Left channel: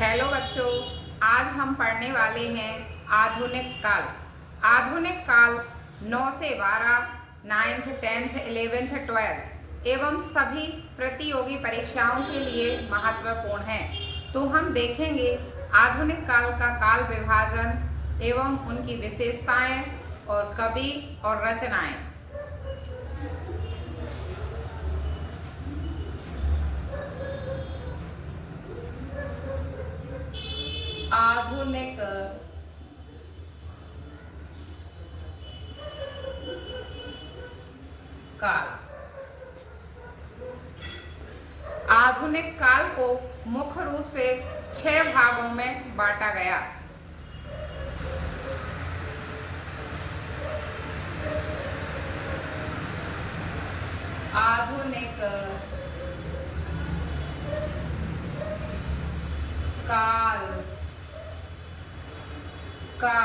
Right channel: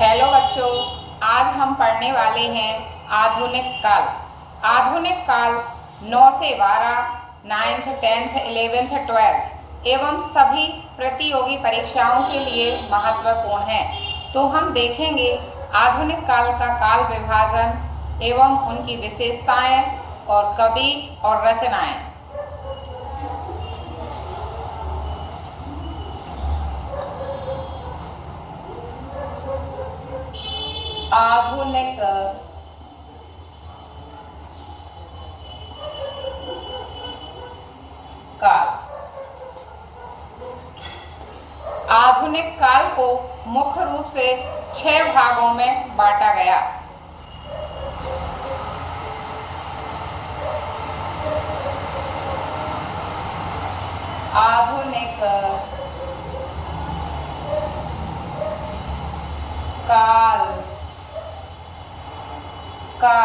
Hello बच्चों, आज हम पढ़ने वाले हैं आधुनिक काल। आधुनिक काल 9 से 12, 9th, 10th, 11th, 12th एवं सभी प्रतियोगी परीक्षाओं के लिए महत्वपूर्ण है। तो हम देखेंगे आधुनिक काल का काल विभाजन एवं उनकी विशेषताएं और कवि और रचनाएं। आधुनिक काल। आधुनिक काल को मुख्य रूप से 6 भागों में बांटा गया। आधुनिक काल का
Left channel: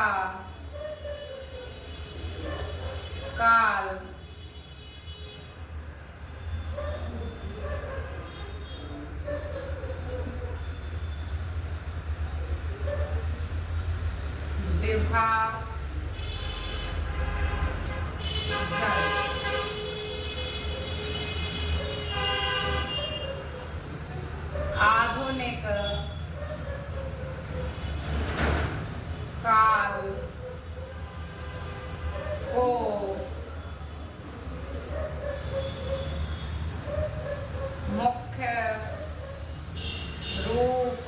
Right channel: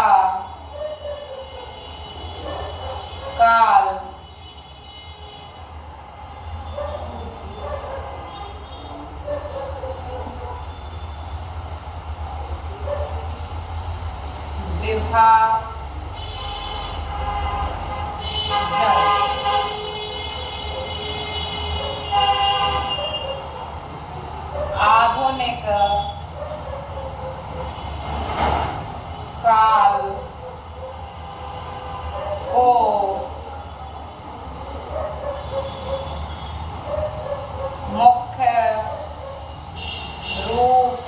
काल विभाजन। आधुनिक काल को मुख्य रूप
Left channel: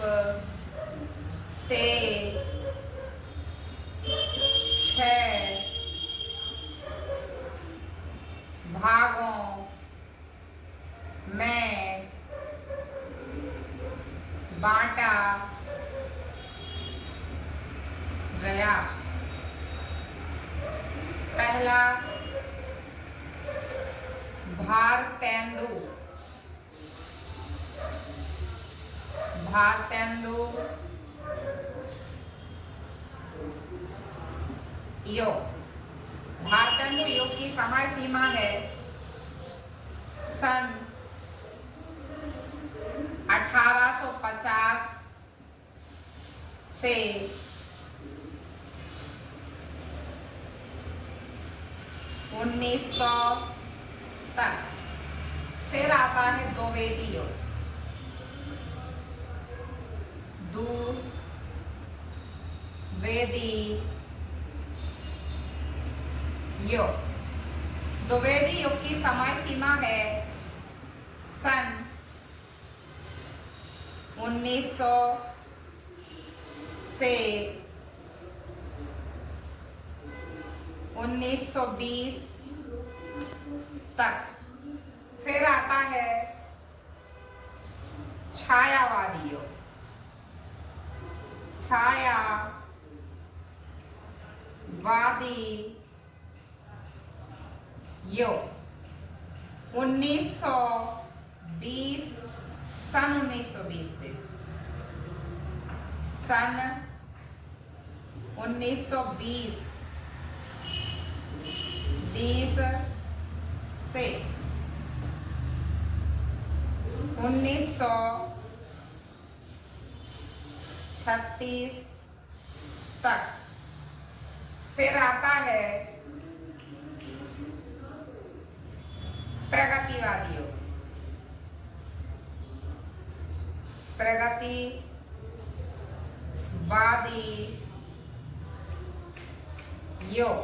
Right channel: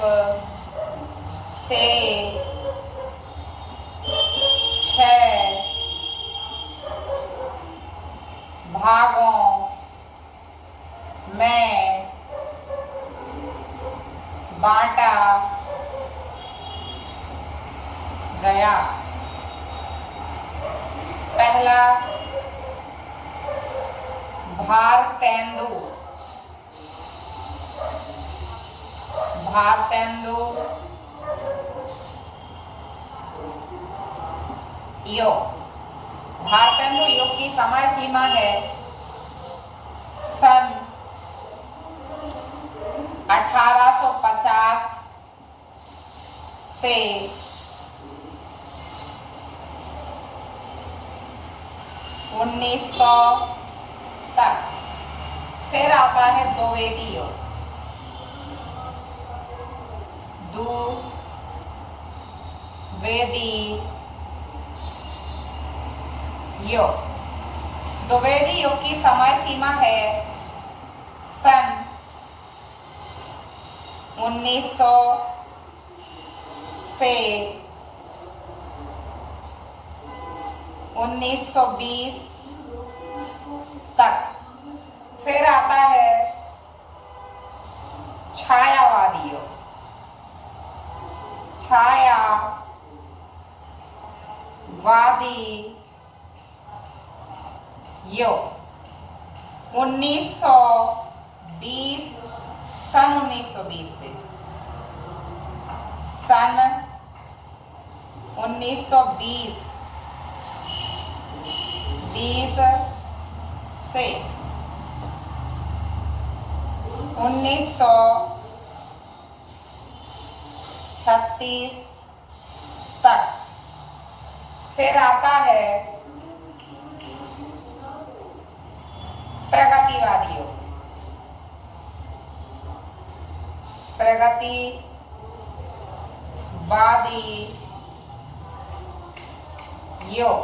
से 6 भागों में बांटा गया। पहला, भारतेंदु। भारतेंदु युग। भारतेंदु युग की समय सीमा है सन 1850 से 1900 तक। फिर आता है द्विवेदी युग। द्विवेदी युग। द्विवेदी युग की समय सीमा है सन 1900 से 1920 तक। फिर आता है छायावादी युग। छायावादी युग 1920 सन 1920 से सन 1920 से 1936 तक। फिर आता है प्रगतिवादी युग। प्रगतिवादी युग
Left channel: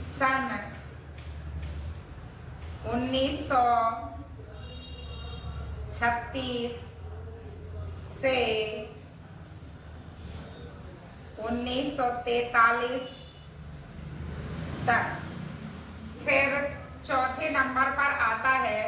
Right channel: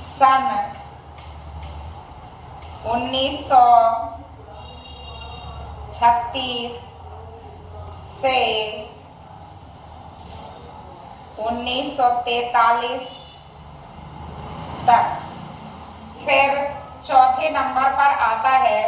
सन 1936 से 1943 तक। फिर चौथे नंबर पर आता है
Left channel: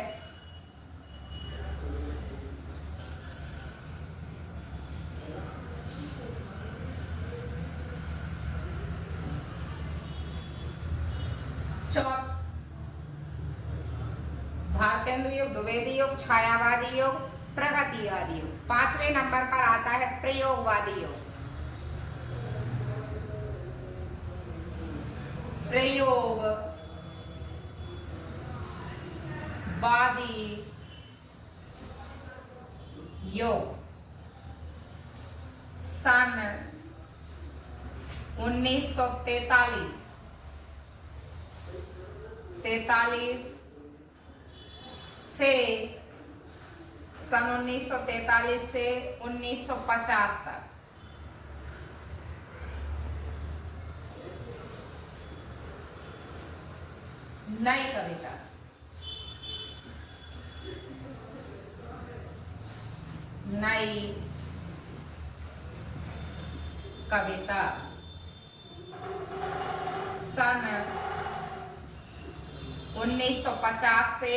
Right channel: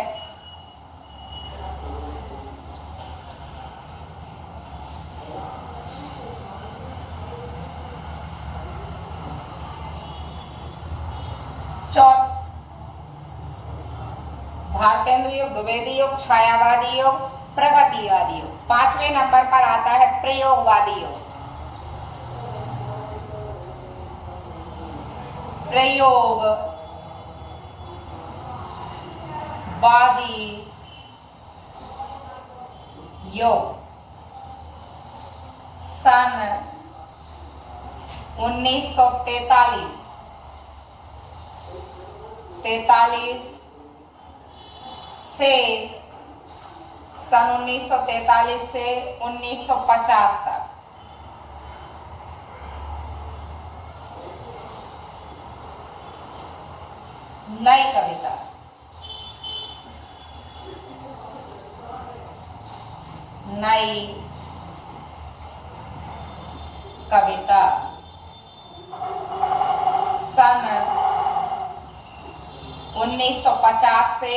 भारतेंदु युग, द्विवेदी युग, छायावादी युग, प्रगतिवादी युग। 5वें नंबर पर आता है प्रयोगवादी युग। प्रयोगवादी युग सन 1943 से सन 1943 से 1950 तक नई कविता। नई कविता सन 1950 से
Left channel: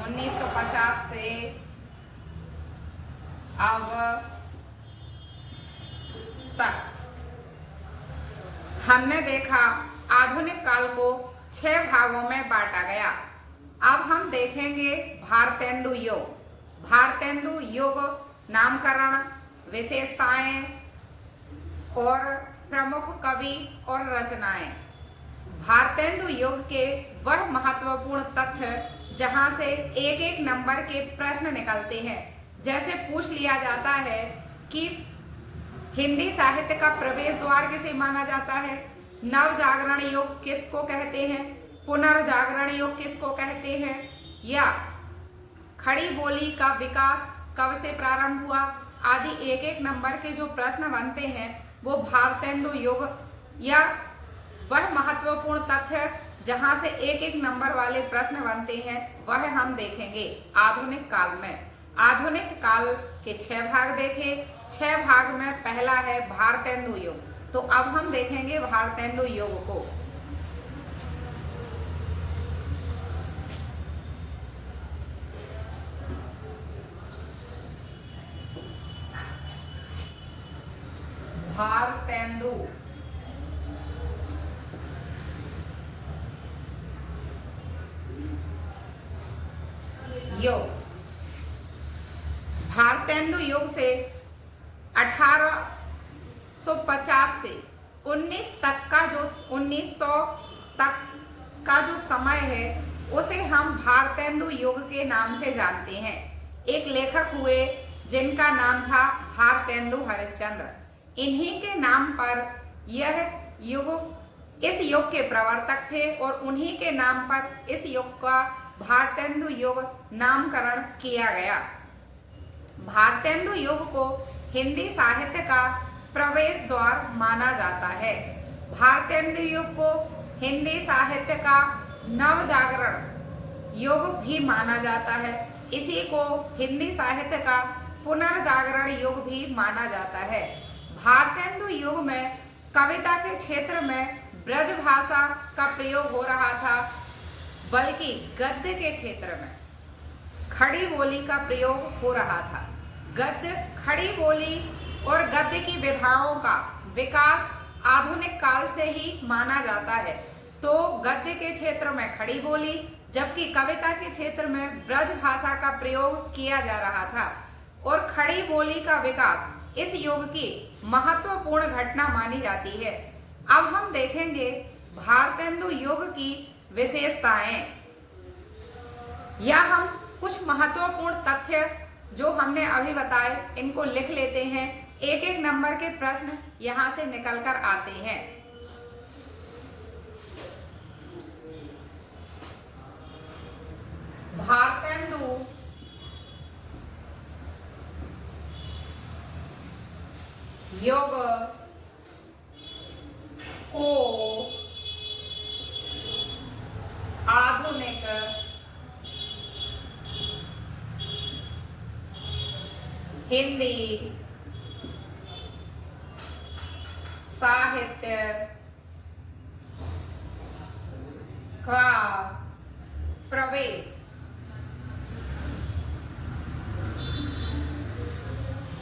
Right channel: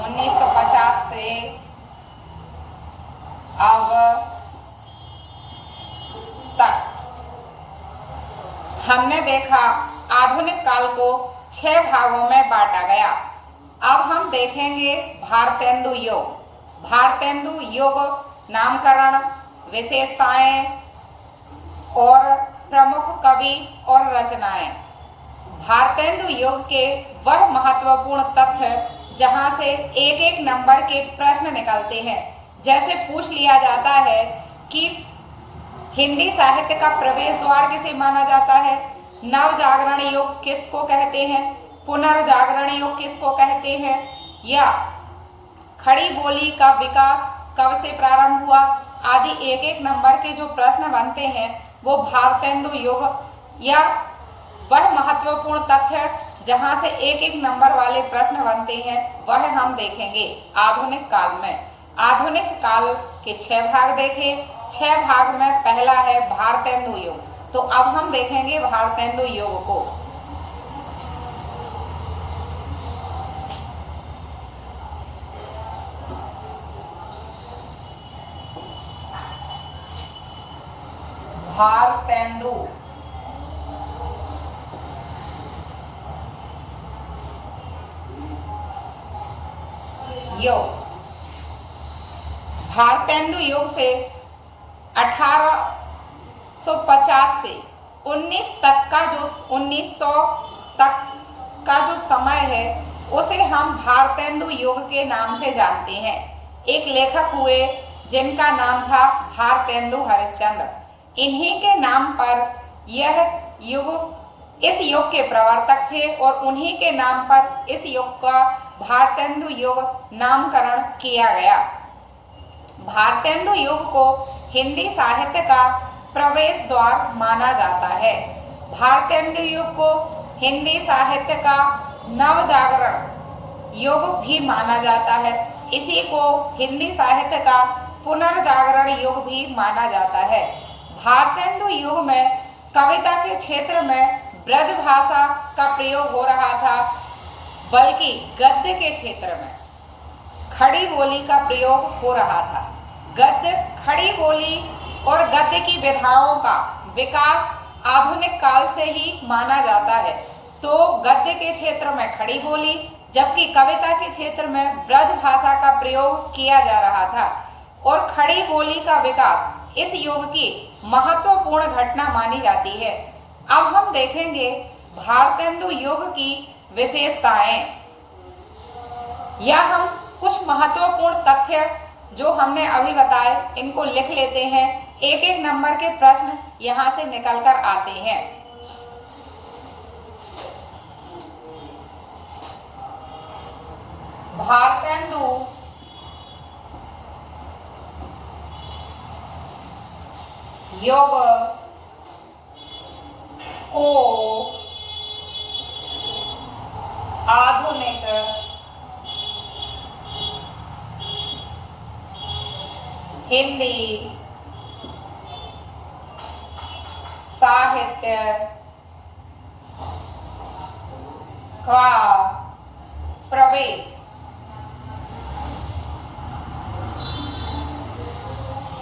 1950 से अब तक। हमने देखा आधुनिक काल को 6 भागों में बांटा गया। अब हम देखेंगे भारतेंदु युग। भारतेंदु युग नामकरण, विशेषताएं और प्रमुख कवि और रचनाएं। भारतेंदु युग के वह महत्वपूर्ण तथ्य जहां से एक एक नंबर के प्रश्न निकलते हैं। जैसे पूछ लिया जाता है कि हिंदी साहित्य का प्रवेश द्वार किसे माना जाता है, नव जागरण युग किसको कहते हैं, पुनर्जागरण युग किसको कहते हैं, या खड़ी बोली का विकास कब से प्रारंभ हुआ आदि एक एक नंबर के जो प्रश्न बनते हैं वो भारतेंदु युग या वह महत्वपूर्ण तथ्य जहां से एक एक नंबर वाले प्रश्न बनते हैं वह हम देखेंगे आधुनिक काल में। आधुनिक काल के 6 भाग देखे। 6 भाग में पहला है भारतेंदु युग। तो अब हम देखेंगे भारतेंदु युग को। भारतेंदु युग। भारतेंदु युग से 1850 से 1900 तक का जो समय है उसे हम भारतेंदु युग के नाम से जानते हैं। एक लेखक हुए जिनका नाम था भारतेंदु हरिश्चंद्र। इन्हीं के नाम पर यह युग, इस युग के प्रवर्तक थे और उन्हीं के नाम पर इस युग का भारतेंदु युग नामकरण किया गया। भारतेंदु युग को हिंदी साहित्य का प्रवेश द्वार माना जाता है। भारतेंदु युग को हिंदी साहित्य का नवजागरण युग भी माना जाता है। इसी को हिंदी साहित्य का पुनर्जागरण युग भी माना जाता है। भारतेंदु युग में कविता के क्षेत्र में ब्रज भाषा का प्रयोग हो रहा था, बल्कि गद्य के क्षेत्र में खड़ी बोली का प्रयोग हो रहा था। गद्य, खड़ी बोली और गद्य की विधाओं का विकास आधुनिक काल से ही माना जाता है। तो गद्य के क्षेत्र में खड़ी बोली, जबकि कविता के क्षेत्र में ब्रज भाषा का प्रयोग किया जा रहा था। और खड़ी बोली का विकास इस युग की महत्वपूर्ण घटना मानी जाती है। अब हम देखेंगे भारतेंदु युग की विशेषताएं, या हम कुछ महत्वपूर्ण तथ्य जो हमने अभी बताए इनको लिख लेते हैं। एक एक नंबर के प्रश्न यहां से निकलकर आते हैं। भारतेंदु युग को आधुनिक हिंदी साहित्य का प्रवेश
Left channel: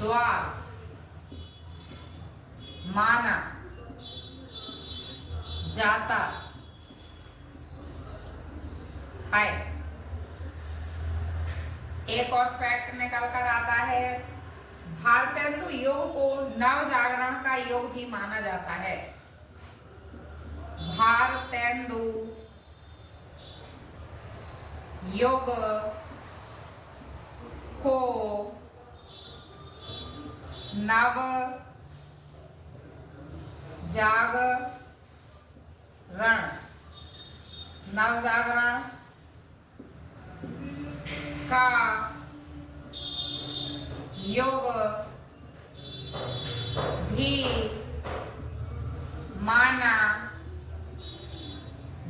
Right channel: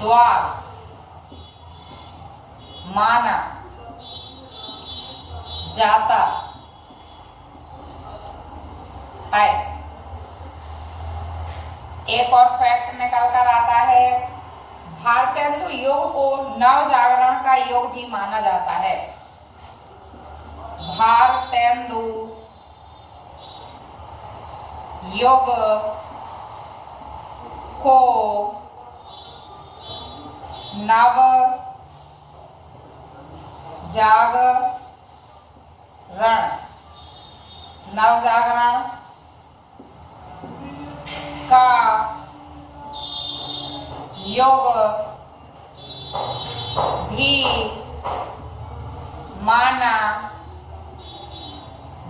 द्वार माना जाता है। एक और फैक्ट निकल कर आता है, भारतेंदु युग को नवजागरण का युग भी माना जाता है। भारतेंदु युग को नव जागरण, नवजागरण का युग भी माना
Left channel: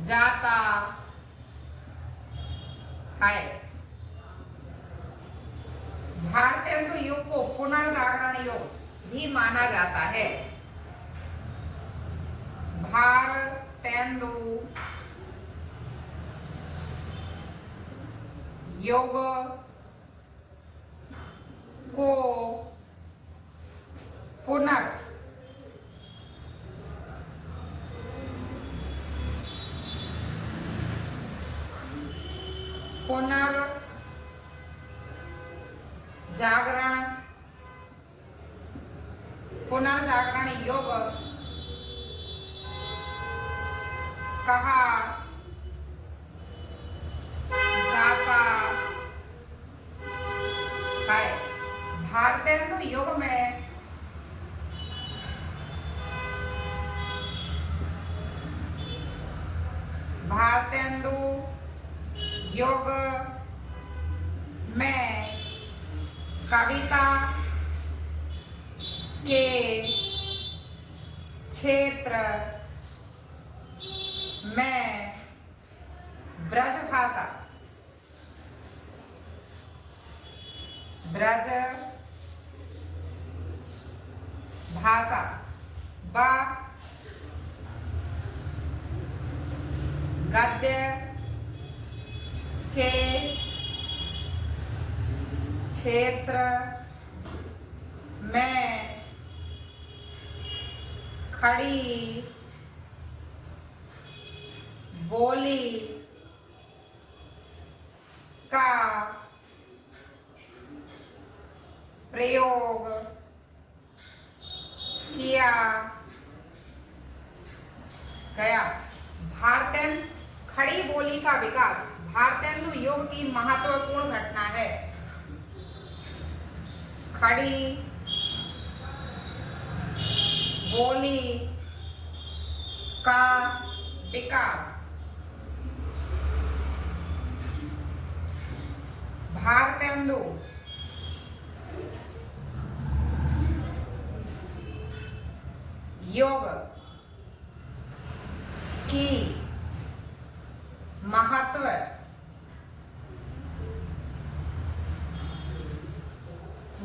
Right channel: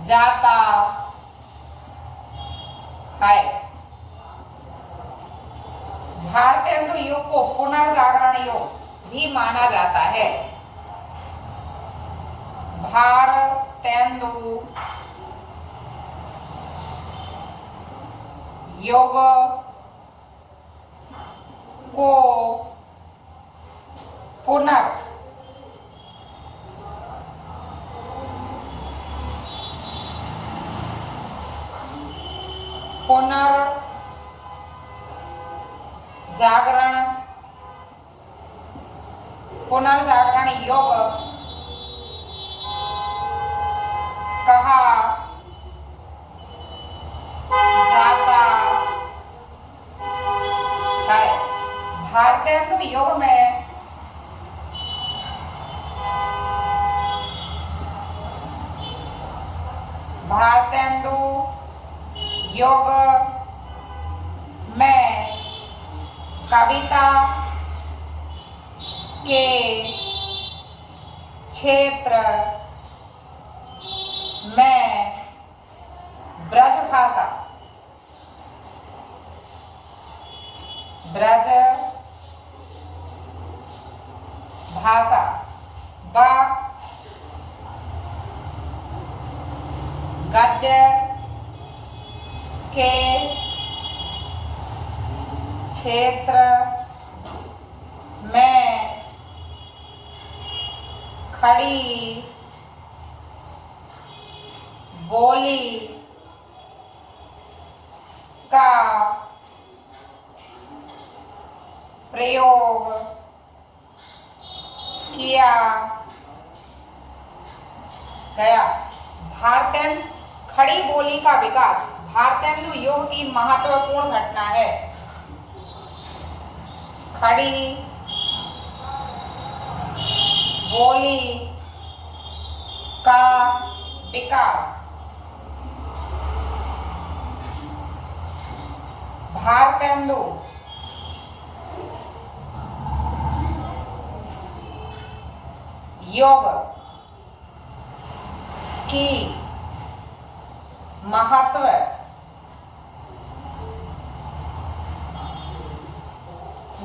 जाता है। भारतेंदु युग को पुनर्जागरण युग भी माना जाता है। भारतेंदु युग को पुनर्जागरण युग कहा जाता है। भारतेंदु युग में भारतेंदु युग में कविता के क्षेत्र में ब्रज भाषा व गद्य के क्षेत्र में खड़ी बोली का प्रयोग किया गया। भारतेंदु खड़ी बोली का विकास भारतेंदु युग की महत्वपूर्ण घटना है। खड़ी बोली का विकास भारतेंदु युग की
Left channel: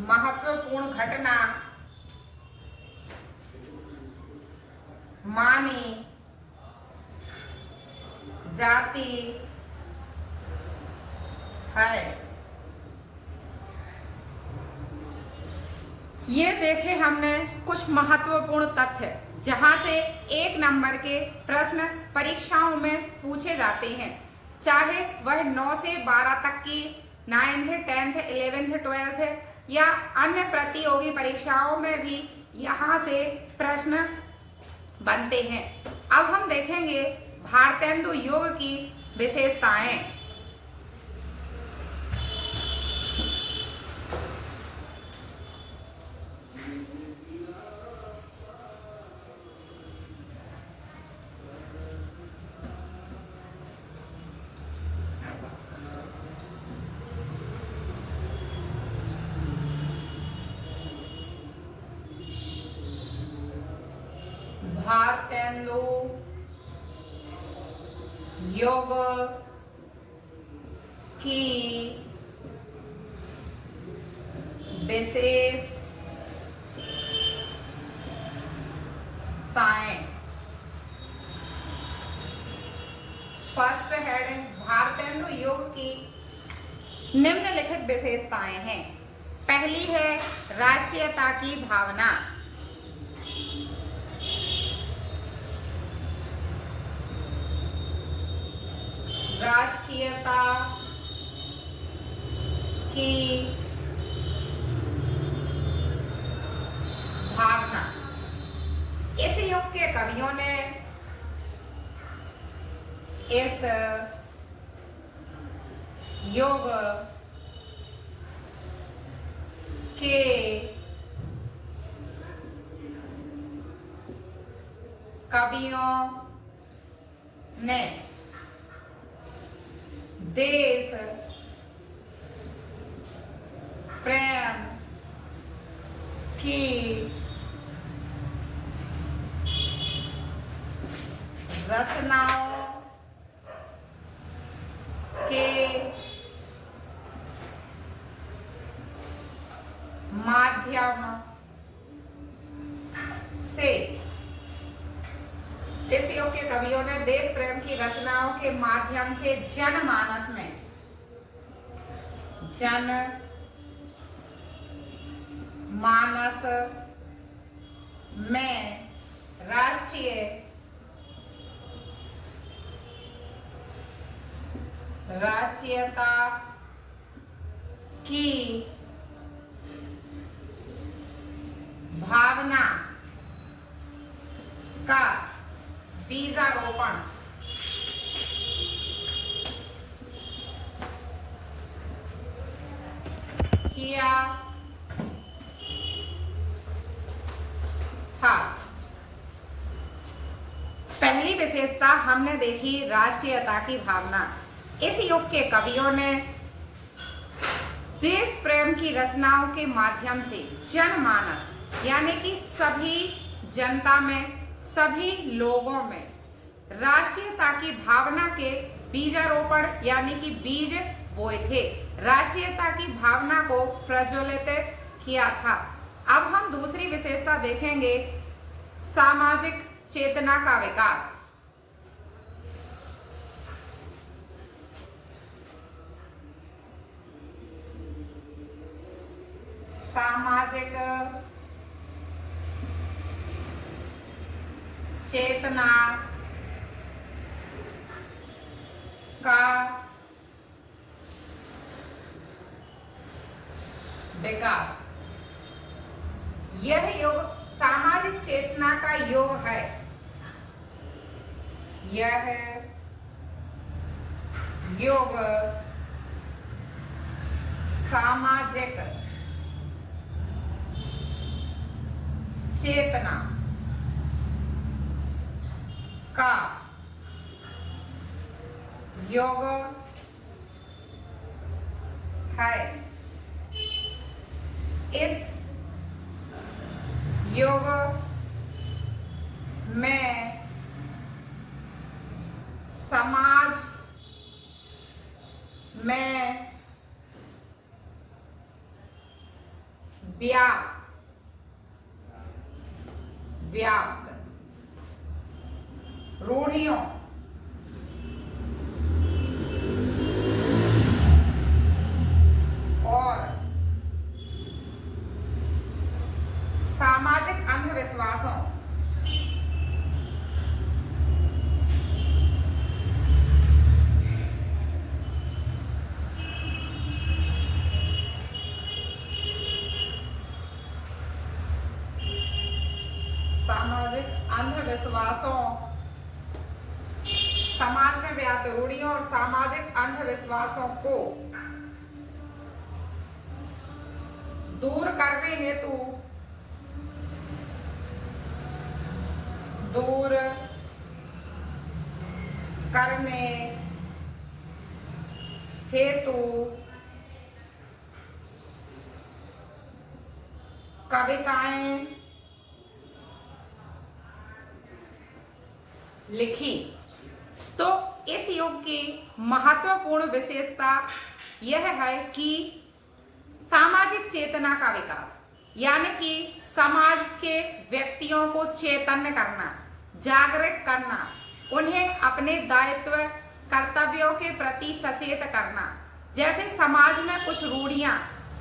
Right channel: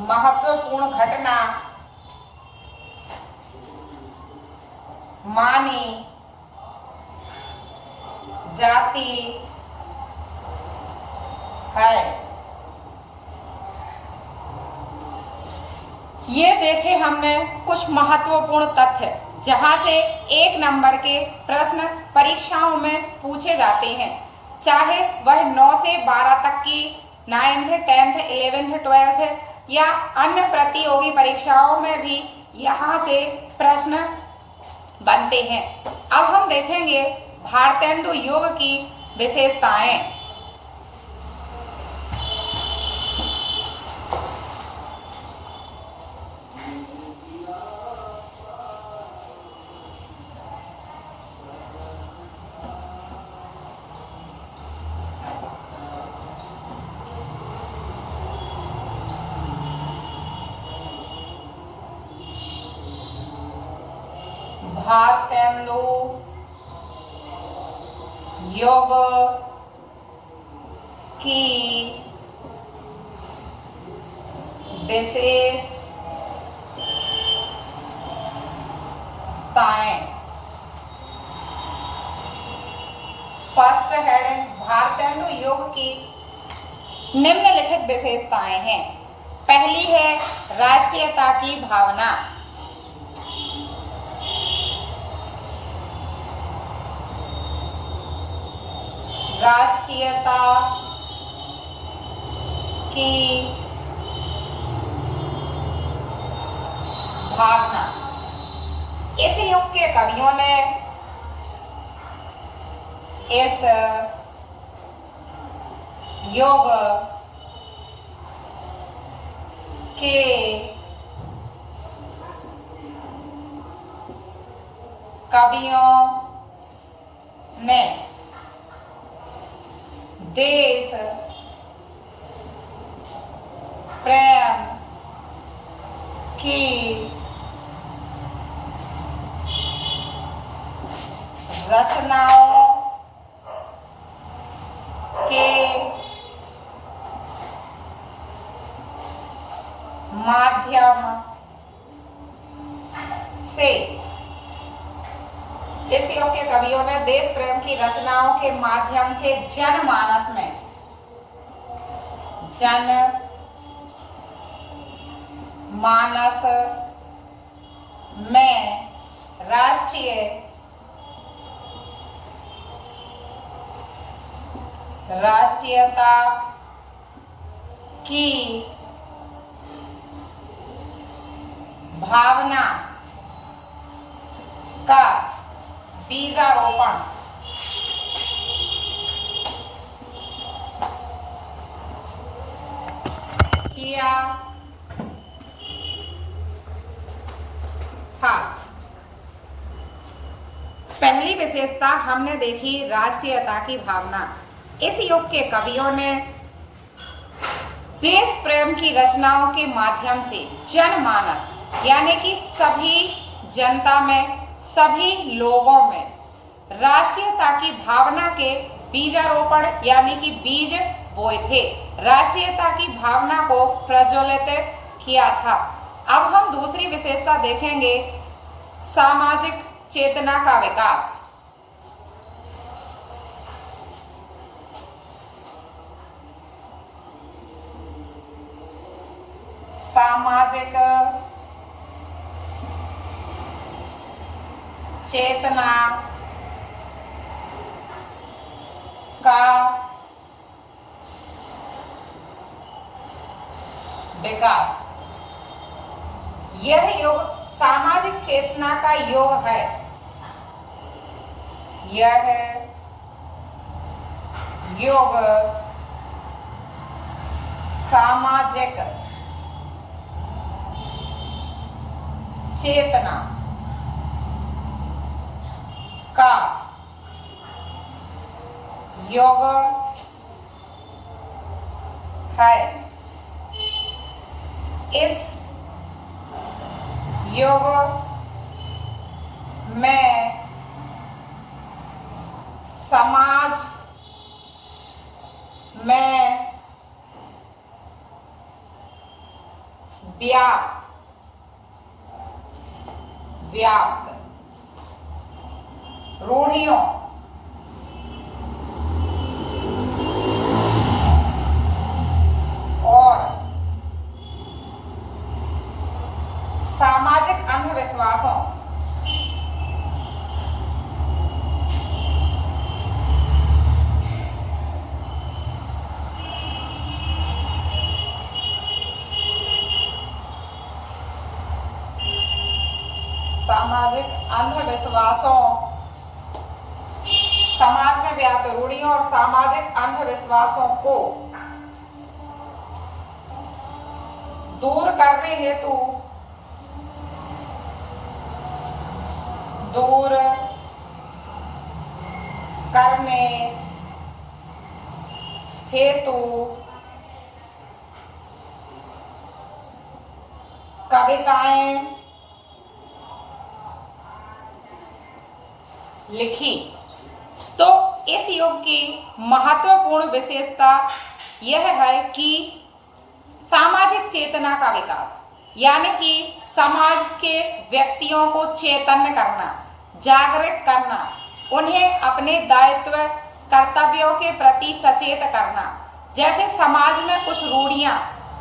महत्वपूर्ण घटना मानी जाती है। ये देखे हमने कुछ महत्वपूर्ण तथ्य जहां से 1 नंबर के प्रश्न परीक्षाओं में पूछे जाते हैं, चाहे वह 9 से 12 तक की 9th 10th 11th 12th या अन्य प्रतियोगी परीक्षाओं में भी यहाँ से प्रश्न बनते हैं। अब हम देखेंगे भारतेंदु युग की विशेषताएं। भारतेंदु युग की विशेषताएं। फर्स्ट हेडिंग भारतेंदु युग की निम्नलिखित विशेषताएं हैं। पहली है राष्ट्रीयता की भावना। राष्ट्रीयता की भावना। इस युग के कवियों ने इस युग के कवियों ने देश प्रेम की रचनाओं के माध्यम से, इस युग के कवियों ने देश प्रेम की रचनाओं के माध्यम से जनमानस में राष्ट्रीयता की भावना का बीजारोपण किया था। पहली विशेषता हमने देखी राष्ट्रीयता की भावना। इस युग के कवियों ने देश प्रेम की रचनाओं के माध्यम से जनमानस यानी कि सभी जनता में, सभी लोगों में राष्ट्रीयता की भावना के बीजारोपण यानी कि बीज बोए थे, राष्ट्रीयता की भावना को प्रज्वलित किया था। अब हम दूसरी विशेषता देखेंगे, सामाजिक चेतना का विकास। सामाजिक चेतना का विकास। यह युग सामाजिक चेतना का युग है। यह युग सामाजिक चेतना का युग है। इस युग में समाज में व्याप्त रूढ़ियों और सामाजिक अंधविश्वासों समाज में व्याप्त रूढ़ियों और सामाजिक अंधविश्वासों को दूर करने हेतु कविताएं लिखी। तो इस युग की महत्वपूर्ण विशेषता यह है कि सामाजिक चेतना का विकास, यानी कि समाज के व्यक्तियों को चैतन्य करना, जागृत करना, उन्हें अपने दायित्व कर्तव्यों के प्रति सचेत करना। जैसे समाज में कुछ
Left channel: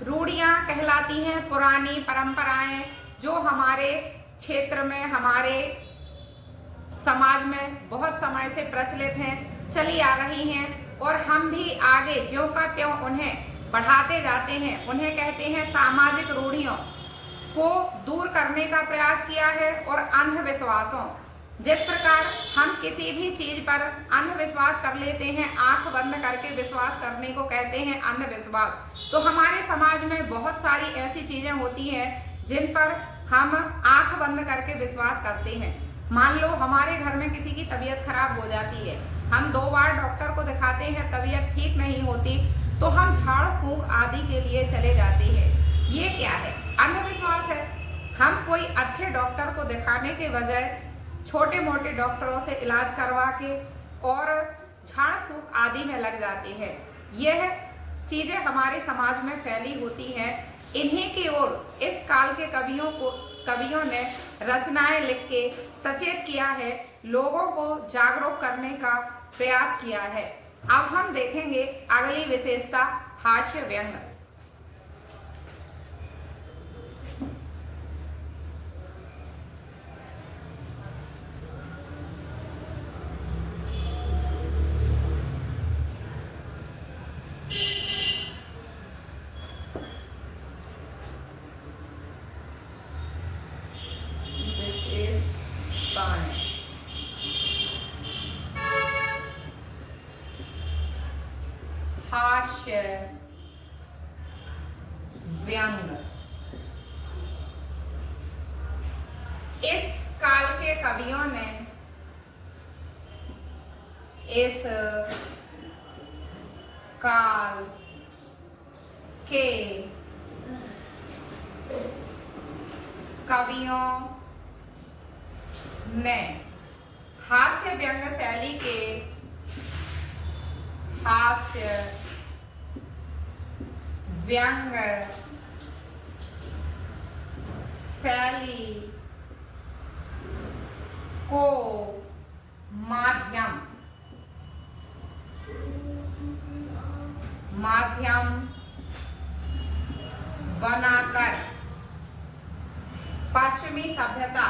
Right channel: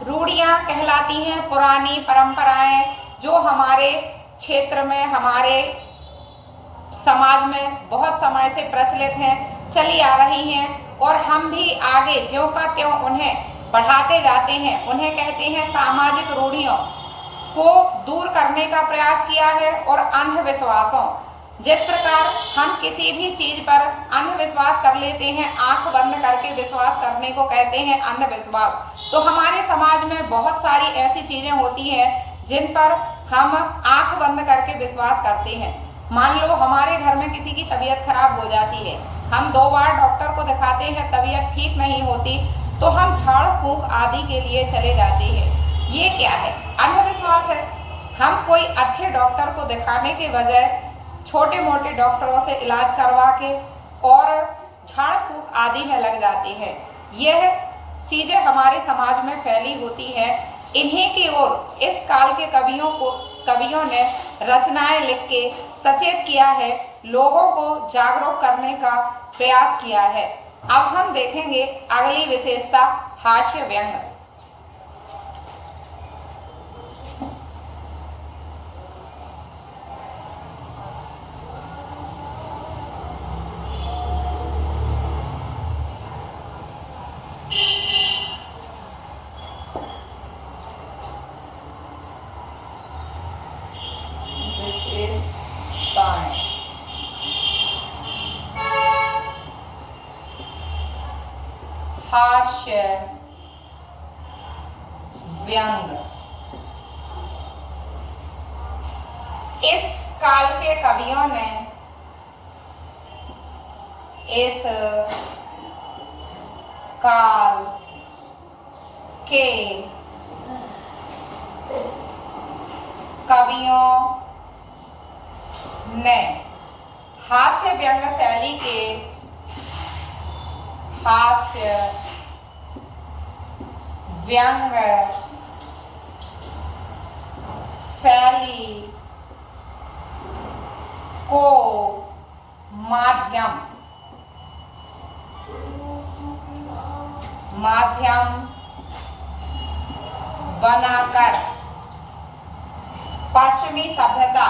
रूढ़ियां कहलाती हैं, पुरानी परंपराएं जो हमारे क्षेत्र में, हमारे समाज में बहुत समय से प्रचलित हैं, चली आ रही हैं, और हम भी आगे ज्यों का त्यों उन्हें बढ़ाते जाते हैं। उन्हें कहते हैं सामाजिक रूढ़ियों को दूर करने का प्रयास किया है और अंधविश्वासों जिस प्रकार हम किसी भी चीज पर अंधविश्वास कर लेते हैं, आंख बंद करके विश्वास करने को कहते हैं अंधविश्वास, तो हमारे समाज में बहुत सारी ऐसी चीजें होती हैं जिन पर हम आंख बंद करके विश्वास करते हैं। मान लो हमारे घर में किसी की तबीयत खराब हो जाती है, हम 2 बार डॉक्टर को दिखाते हैं, तबीयत ठीक नहीं होती, तो हम झाड़ फूंक आदि के लिए चले जाते हैं। ये क्या है? अंधविश्वास है। हम कोई अच्छे डॉक्टर को दिखाने के बजाय छोटे मोटे डॉक्टरों से इलाज करवा के और झाड़ फूंक आदि में लग जाते हैं। यह चीजें हमारे समाज में फैली होती हैं। इन्हीं की ओर इस काल के कवियों ने रचनाएं लिख के सचेत किया है, लोगों को जागरूक करने का प्रयास किया है। अब हम देखेंगे अगली विशेषता, हास्य व्यंग। हास्य व्यंग। इस काल के कवियों ने इस काल के कवियों ने हास्य व्यंग शैली के हास्य व्यंग शैली को माध्यम बनाकर पश्चिमी सभ्यता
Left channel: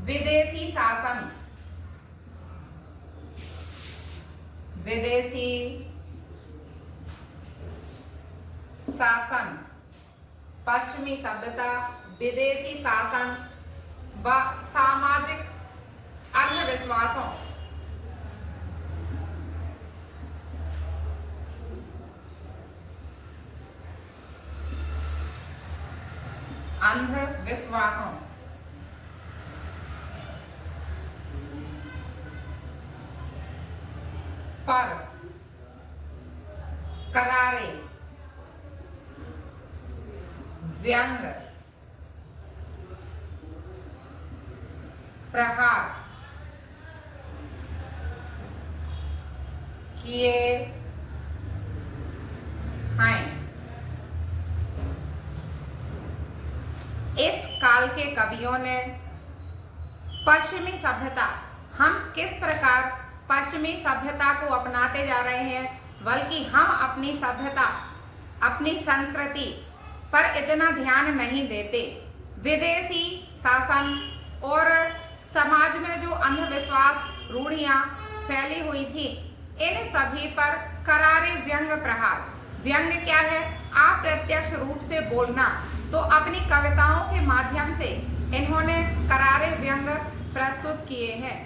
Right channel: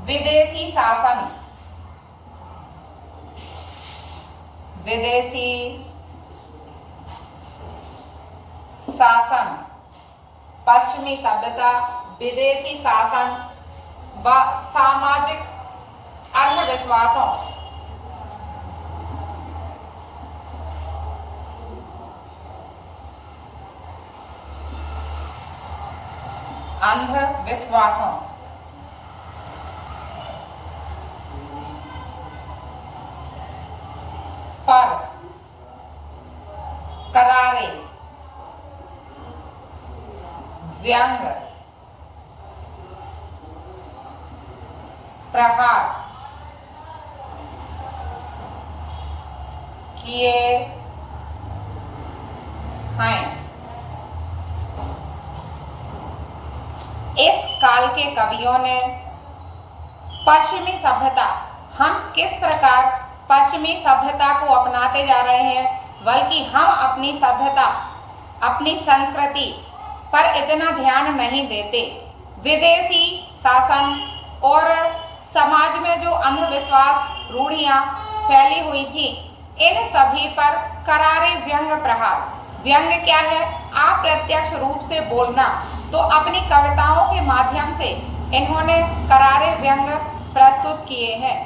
विदेशी शासन, पश्चिमी सभ्यता, विदेशी शासन व सामाजिक अंधविश्वासों पर करारे व्यंग प्रहार किए हैं। इस काल के कवियों ने पश्चिमी सभ्यता, हम किस प्रकार पश्चिमी सभ्यता को अपनाते जा रहे हैं, बल्कि हम अपनी सभ्यता, अपनी संस्कृति पर इतना ध्यान नहीं देते। विदेशी शासन और समाज में जो अंधविश्वास रूढ़ियां फैली हुई थी, इन सभी पर करारे व्यंग प्रहार। व्यंग क्या है? अप्रत्यक्ष रूप से बोलना। तो अपनी कविताओं के माध्यम से इन्होंने करारे व्यंग प्रस्तुत किए हैं।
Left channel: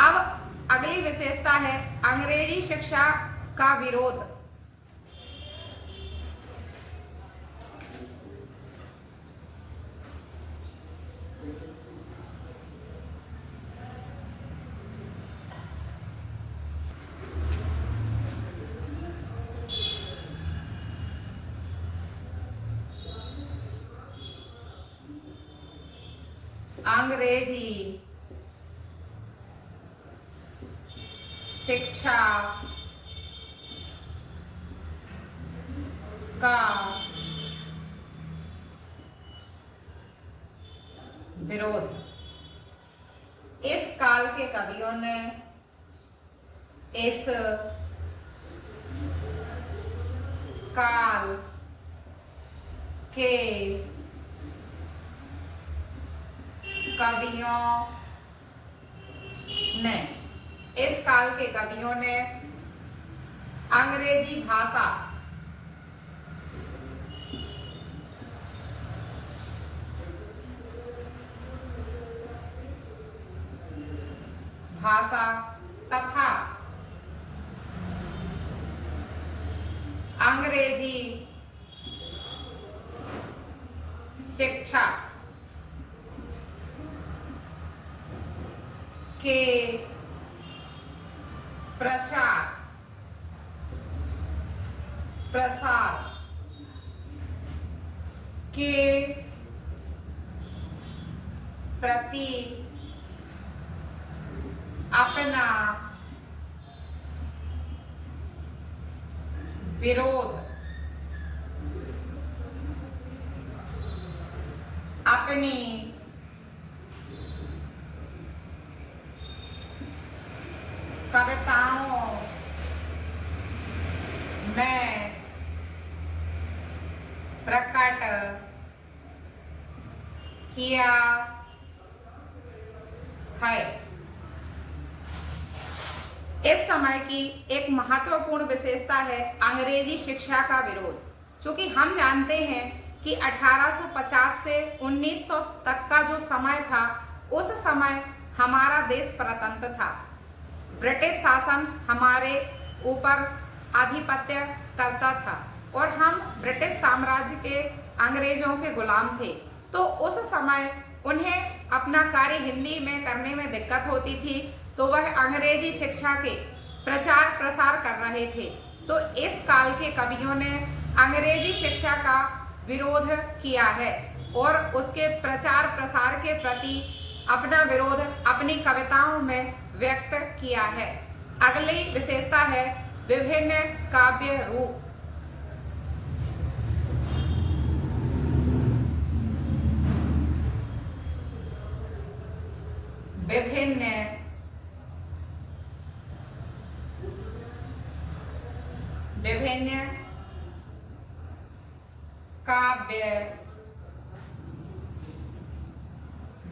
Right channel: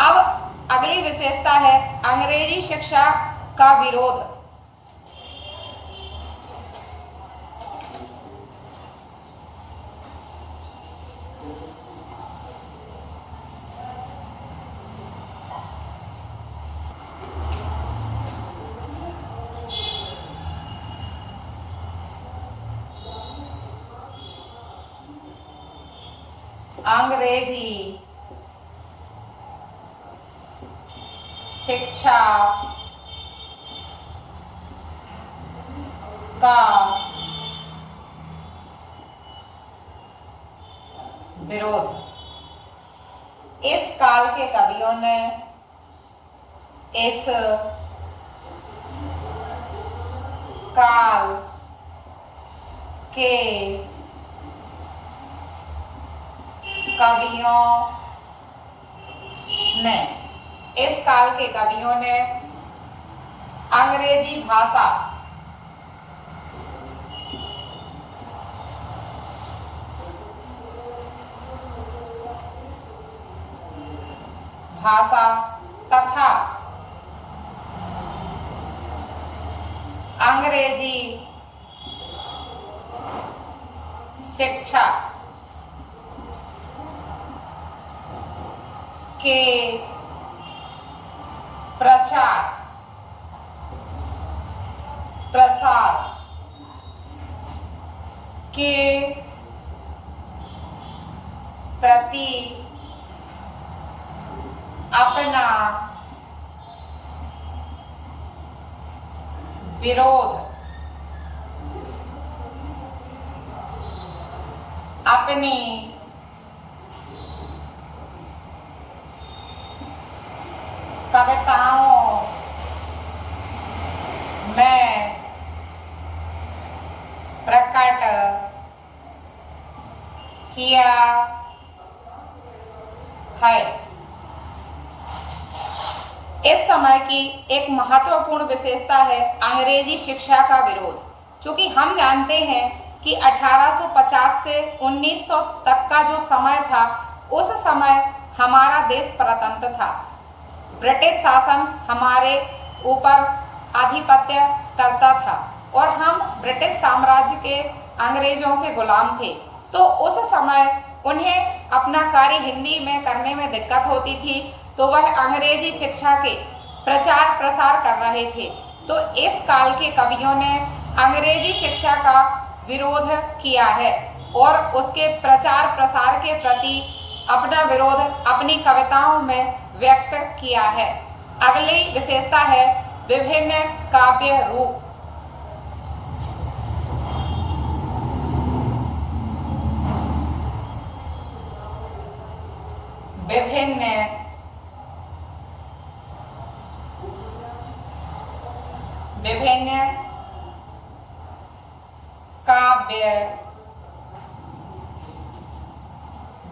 अब अगली विशेषता है अंग्रेजी शिक्षा का विरोध। अंग्रेजी शिक्षा का विरोध। इस काल के कवियों ने इस काल के कवियों ने अंग्रेजी भाषा, तथा अंग्रेजी शिक्षा के प्रचार प्रसार के प्रति अपना विरोध, अपनी कविताओं में प्रकट किया है। इस समय की एक महत्वपूर्ण विशेषता है अंग्रेजी शिक्षा का विरोध। चूंकि हम जानते हैं कि 1850 से 1900 तक का जो समय था, उस समय हमारा देश परतंत्र था। ब्रिटिश शासन हमारे ऊपर आधिपत्य करता था और हम ब्रिटिश साम्राज्य के अंग्रेजों के गुलाम थे। तो उस समय उन्हें अपना कार्य हिंदी में करने में दिक्कत होती थी, तो वह अंग्रेजी शिक्षा के प्रचार प्रसार कर रहे थे। तो इस काल के कवियों ने अंग्रेजी शिक्षा का विरोध किया है और उसके प्रचार प्रसार के प्रति अपना विरोध अपनी कविताओं में व्यक्त किया है। अगली विशेषता है विभिन्न काव्य रूप।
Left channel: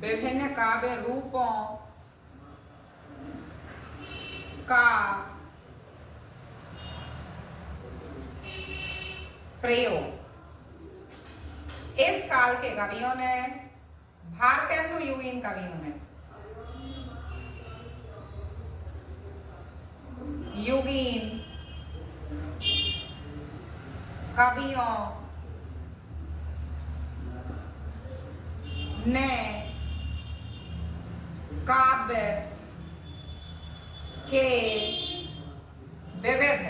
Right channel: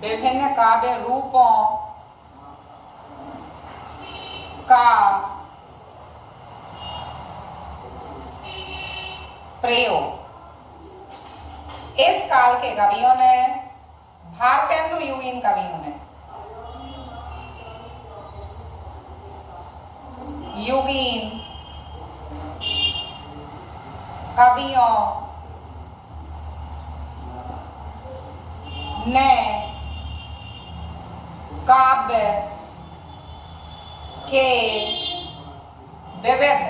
विभिन्न काव्य रूपों का प्रयोग इस काल के कवियों ने, भारतेंदु यूवीन कवियों ने, यूवीन कवियों ने काव्य के विविध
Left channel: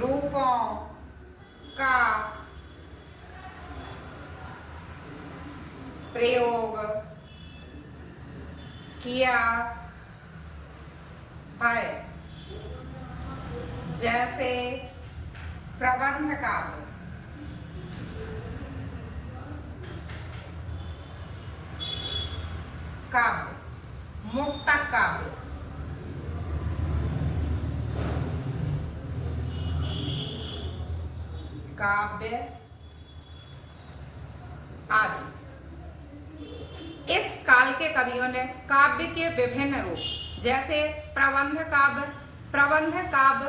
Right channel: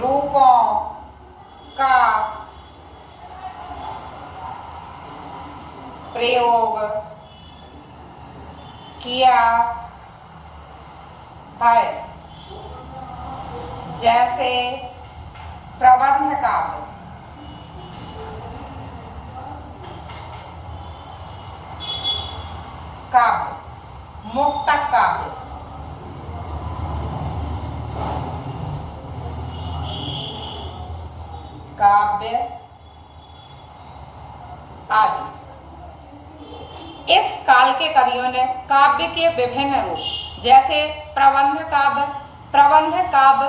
रूपों का प्रयोग किया है, जैसे प्रबंध काव्य, मुक्तक काव्य, आदि। इस काल के कवियों ने काव्य के विभिन्न रूप, जैसे प्रबंध काव्य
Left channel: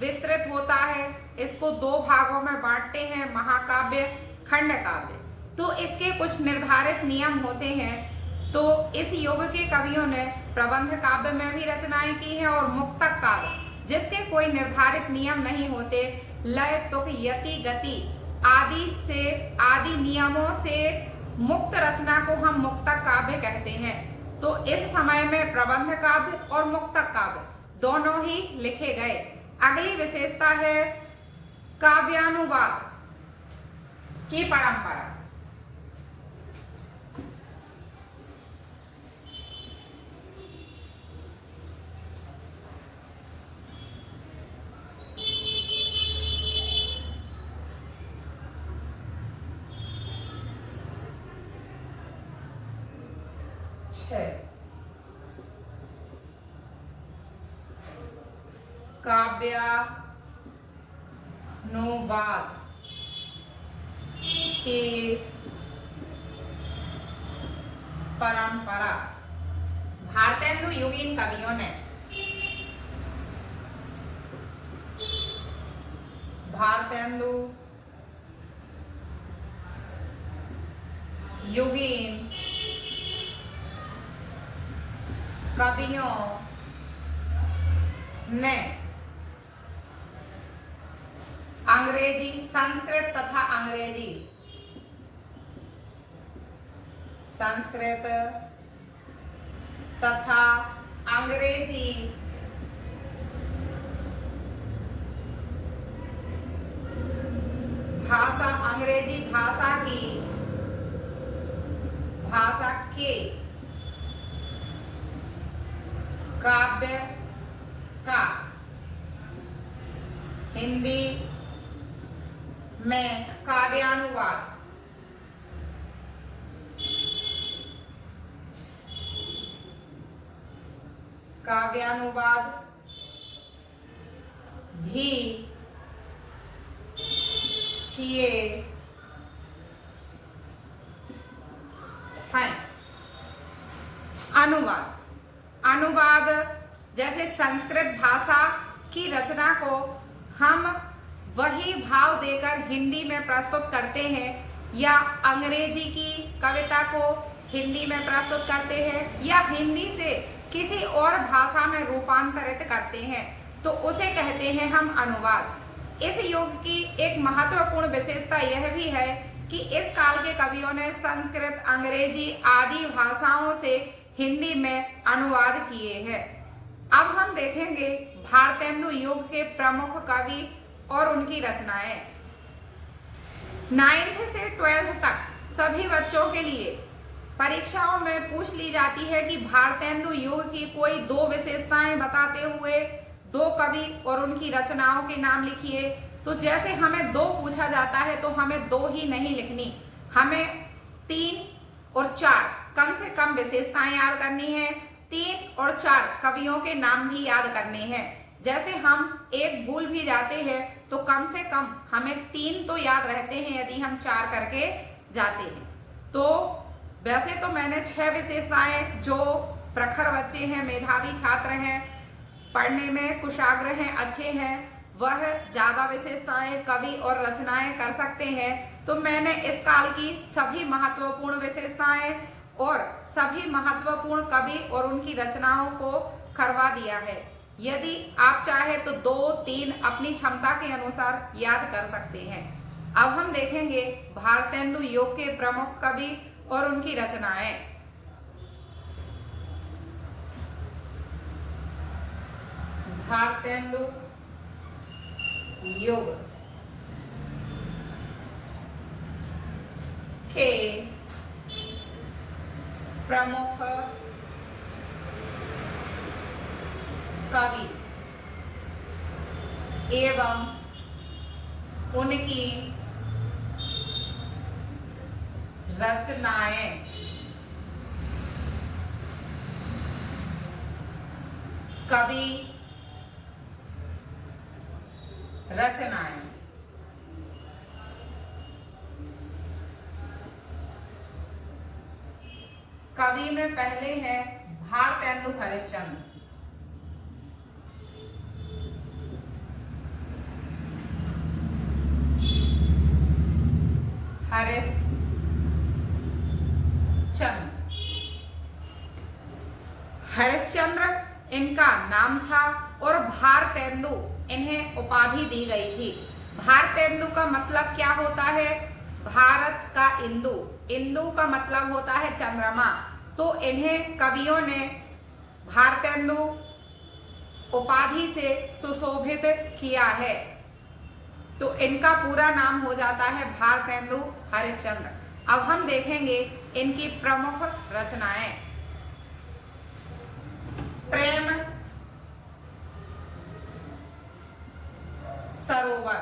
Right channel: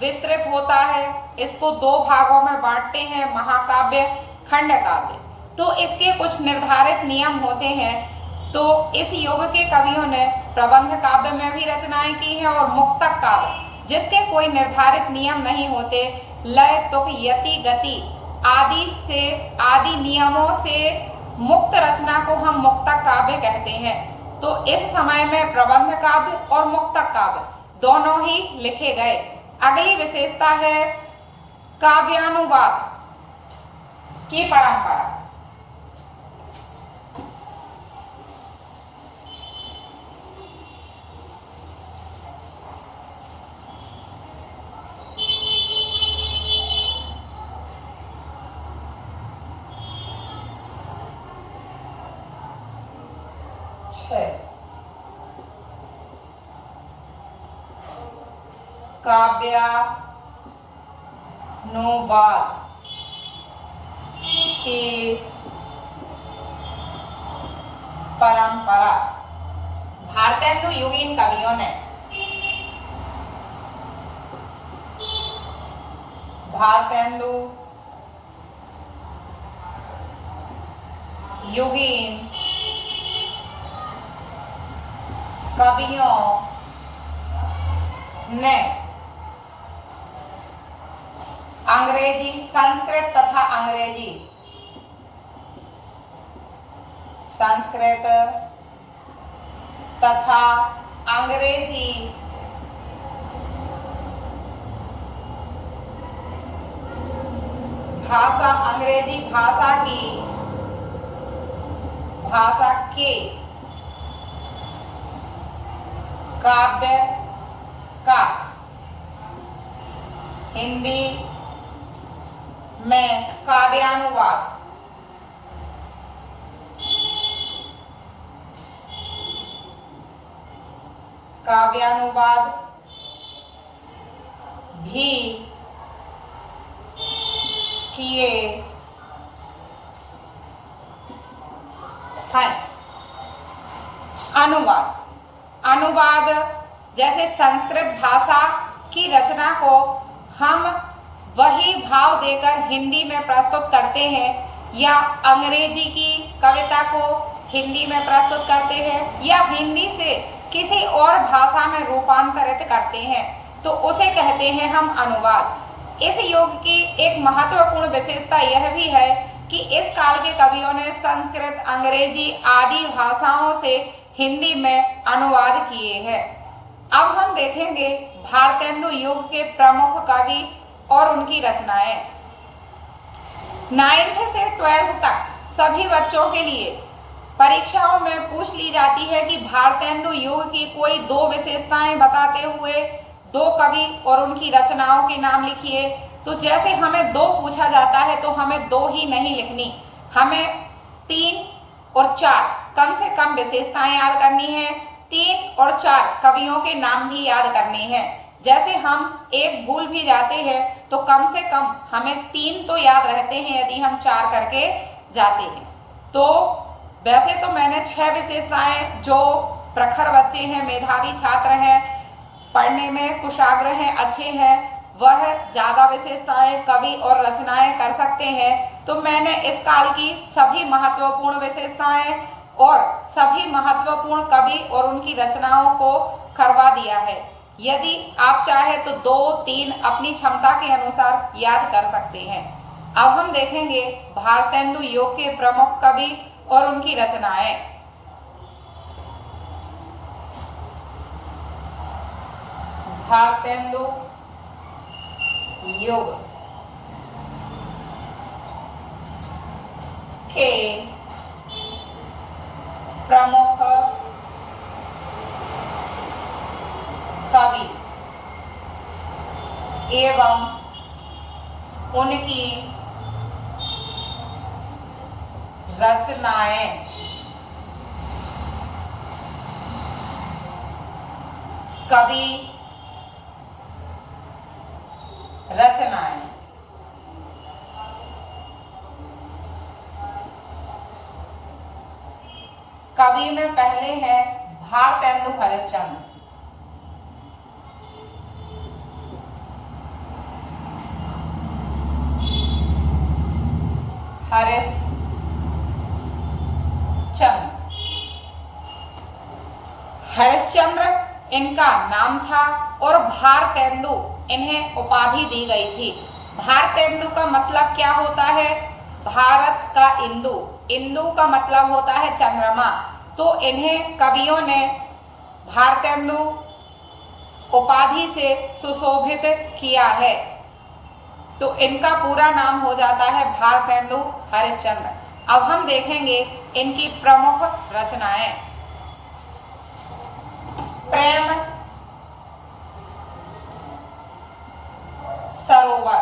विस्तृत होता है, इसको दो भागों में बांटते हैं, महाकाव्य, खंड काव्य। तो इसके कुछ निर्धारित नियम होते हैं। तो इस युग के कवियों ने प्रबंध काव्य में भी रचनाएं की हैं और मुक्तक काव्य, जिसके कोई निर्धारित नियम नहीं होते, लय, तुक, यति, गति आदि नियमों से मुक्त रचना को हम मुक्तक काव्य कहते हैं। तो इस समय में प्रबंध काव्य और मुक्तक काव्य दोनों ही लिखे गए। अगली विशेषता है काव्यानुवाद की परंपरा। काव्यानुवाद की परंपरा। भारतेंदु युगीन कवियों ने भारतेंदु युगीन कवियों ने अंग्रेजी, संस्कृत तथा अंग्रेजी संस्कृत तथा अंग्रेजी भाषा, अंग्रेजी भाषा के काव्य का हिंदी में काव्यानुवाद भी किए हैं। अनुवाद जैसे संस्कृत भाषा की रचना को हम वही भाव देकर हिंदी में प्रस्तुत करते हैं, या अंग्रेजी की कविता को हिंदी में प्रस्तुत करते हैं, या हिंदी से किसी और भाषा में रूपांतरित करते हैं, तो उसे कहते हैं हम अनुवाद। इस युग की एक महत्वपूर्ण विशेषता यह भी है कि इस काल के कवियों ने संस्कृत, अंग्रेजी आदि भाषाओं से हिंदी में अनुवाद किए हैं। अब हम देखेंगे भारतेंदु युग के प्रमुख कवि और उनकी रचनाएं। 9th से 12th तक सभी बच्चों के लिए परीक्षाओं में पूछ ली जाती है कि भारतेंदु युग की कोई दो विशेषताएं बताते हुए दो कवि और उनकी रचनाओं के नाम लिखिए। तो जैसे हमें दो पूछा जाता है तो हमें दो ही नहीं लिखनी, हमें 3 और 4 कम से कम विशेषताएं याद करनी है, 3 और 4 कवियों के नाम भी याद करने हैं। जैसे हम एक भूल भी जाते हैं तो कम से कम हमें 3 तो याद रहते हैं यदि हम 4 करके जाते हैं। तो वैसे तो मैंने 6 विशेषताएं, जो प्रखर बच्चे हैं, मेधावी छात्र हैं, पढ़ने में कुशाग्र हैं, अच्छे हैं, वह ज्यादा विशेषताएं कवि और रचनाएं कर सकते हैं। तो मैंने इस काल की सभी महत्वपूर्ण विशेषताएं और सभी महत्वपूर्ण कवि और उनकी रचनाओं को करवा दिया है। यदि आप चाहे तो 2-3 अपनी क्षमता के अनुसार याद कर सकते हैं। अब हम देखेंगे भारतेंदु युग के प्रमुख कवि और उनकी रचनाएं। भारतेंदु युग के प्रमुख कवि एवं उनकी रचनाएं। कवि, रचनाएं। कवि में पहले हैं भारतेंदु हरिश्चंद्र। हरिश्चंद्र इनका नाम था और भारतेंदु इन्हें उपाधि दी गई थी। भारतेंदु का मतलब क्या होता है? भारत का इंदु, इंदु का मतलब होता है चंद्रमा। तो इन्हें कवियों ने भारतेंदु उपाधि से सुशोभित किया है। तो इनका पूरा नाम हो जाता है भारतेंदु हरिश्चंद्र। अब हम देखेंगे इनकी प्रमुख रचनाएं। प्रेम सरोवर,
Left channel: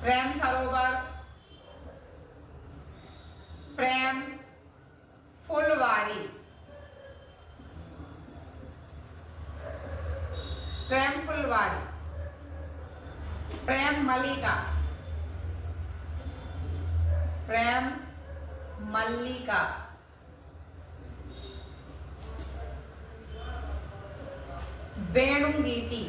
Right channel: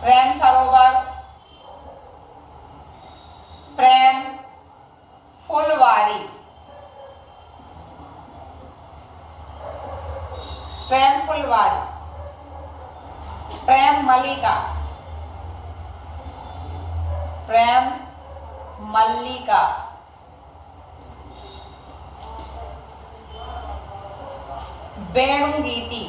प्रेम सरोवर, प्रेम फुलवारी, प्रेम फुलवारी, प्रेम मलिका, प्रेम मल्लिका, वेणुगीति,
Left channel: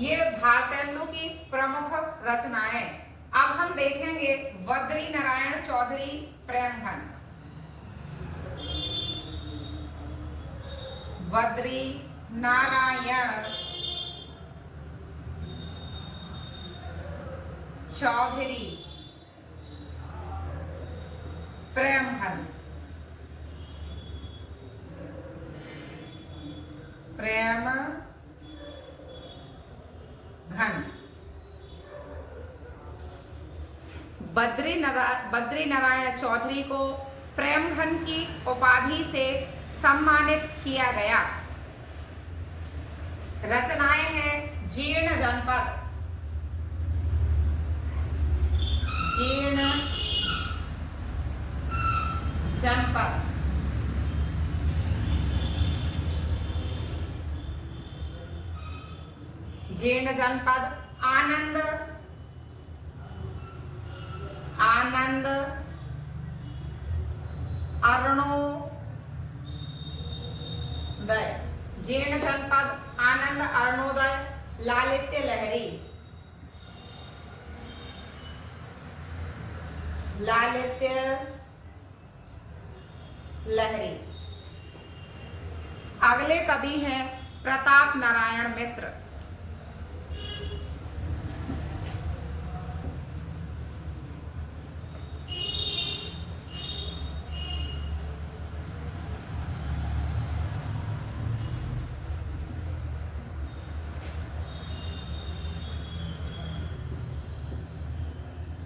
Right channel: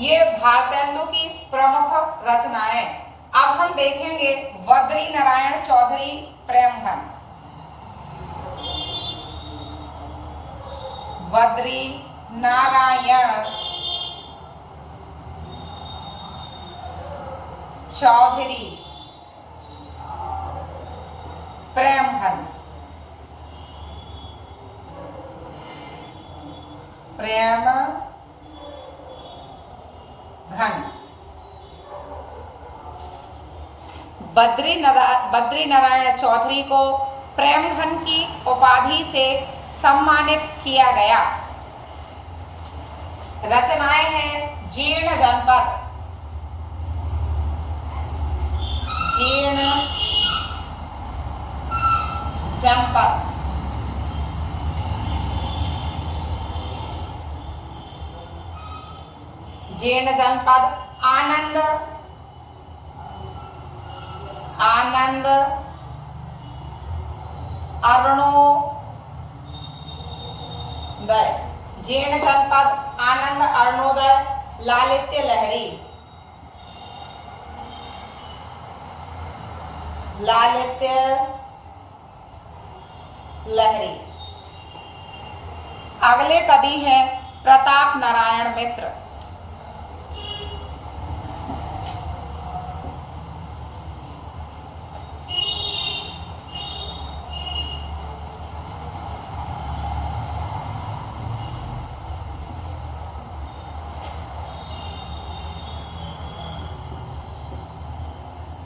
ये भारतेंदु की प्रमुख रचनाएं। अब हम देखेंगे बद्री नारायण चौधरी प्रेमघन। बद्री नारायण चौधरी प्रेमघन। प्रेमघन बद्री नारायण चौधरी को प्रेमघन की उपाधि से सम्मानित किया गया। रचनाएं हैं जीर्ण जनपद, जीर्ण जनपद, जीर्ण जनपद, आनंद, आनंद, अरुणोदय, जीर्ण जनपद, आनंद, अरुणोदय, लालित्य लहरी, लालित्य लहरी। अगले कवि हैं प्रताप नारायण मिश्र।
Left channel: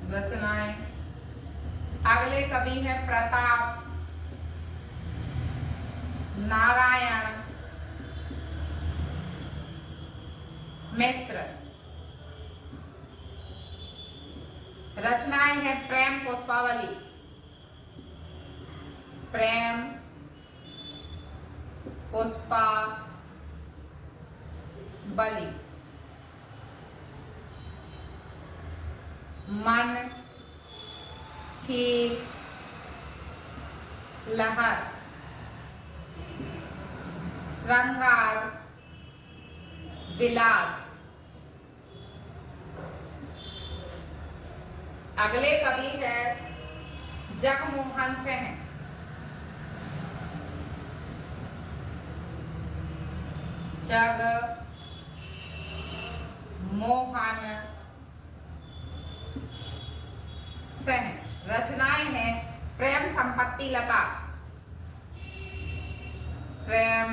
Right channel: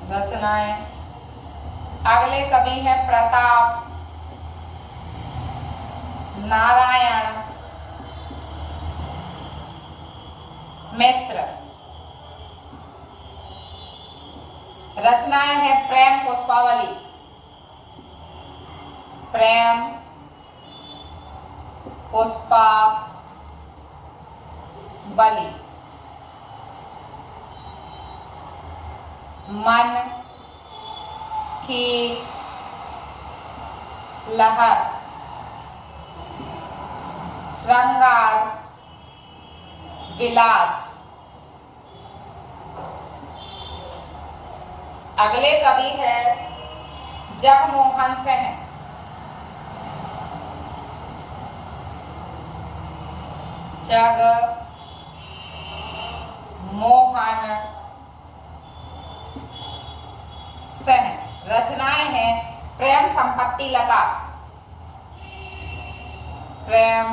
रचनाएं, अगले कवि हैं प्रताप नारायण मिश्र। रचनाएं हैं प्रेम पुष्पावली, प्रेम पुष्पावली, मन की लहर, श्रृंगार विलास। अगले कवि है जगमोहन सिंह। जगमोहन सिंह। रचनाएं हैं प्रेम संपत्ति लता, प्रेम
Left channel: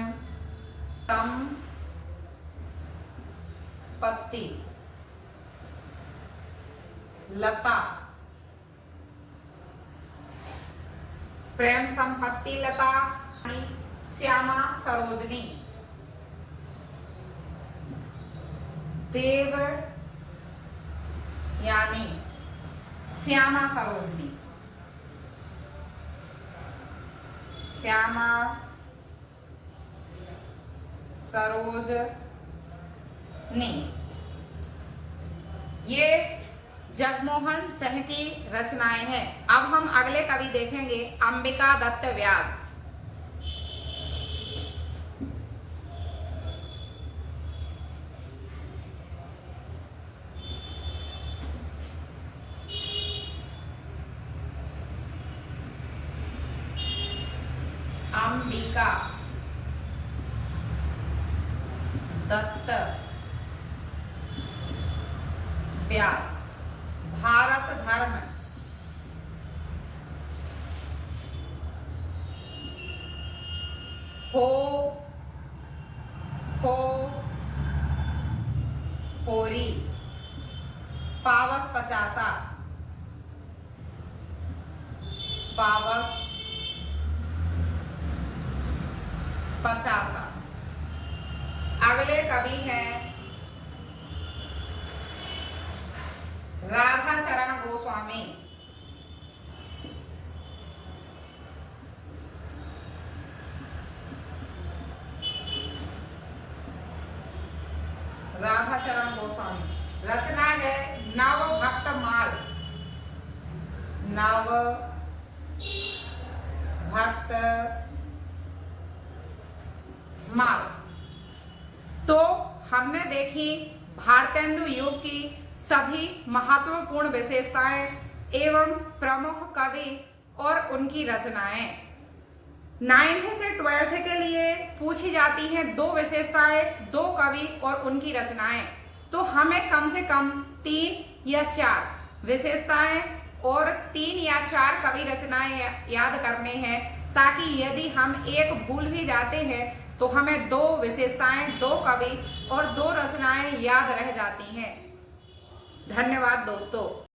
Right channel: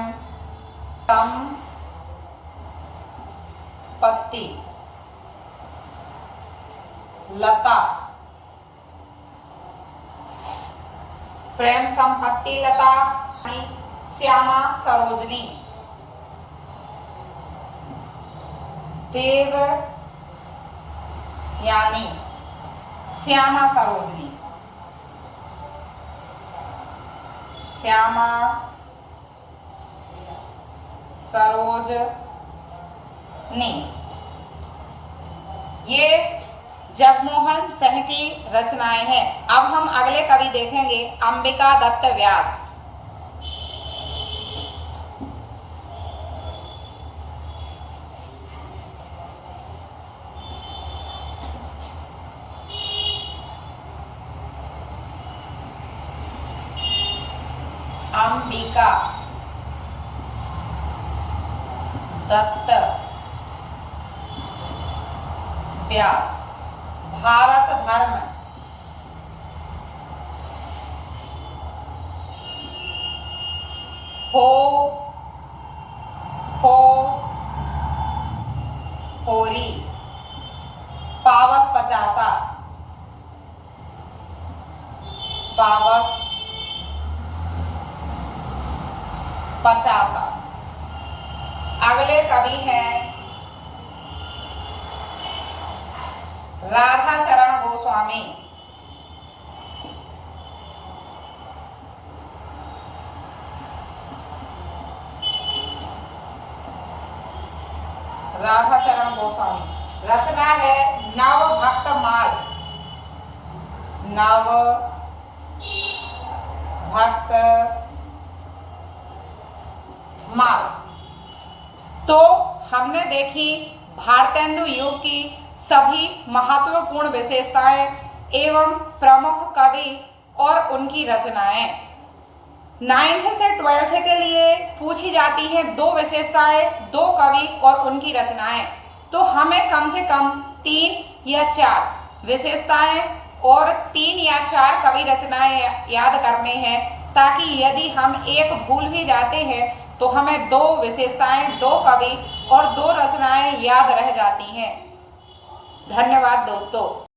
संपत्ति लता, प्रेम संपत्ति लता, श्यामा सरोजनी, देव यानी श्यामा सरोजनी, श्यामा सरोजनी। ये जगमोहन सिंह की रचनाएं हैं। अब हम अगले कवि देखेंगे अंबिका दत्त व्यास। अंबिका दत्त व्यास। भारत धर्म, हो होरी, पावस पचासा, पावस पचासा। अगले कवि हैं राधा चरण गोस्वामी। राधाचरण गोस्वामी। रचना है नव भक्त माल। नव भक्त माल। तो हमने देखी भारतेंदु युग की सभी महत्वपूर्ण विशेषताएं एवं प्रमुख कवि और उनकी रचनाएं। 9th से 12th के लिए पूछी जाती हैं दो विशेषताएं, दो कवि और उनकी रचनाएं। तो हमें कम से कम 3 या 4 विशेषताएं और 3 या 4 कवि रचनाएं याद करने हैं, ताकि यदि हम एक भूल भी जाते हैं तो हमें 2 विशेषताएं, 2 कवि और 2 रचनाएं याद रह जाती हैं। धन्यवाद दोस्तों।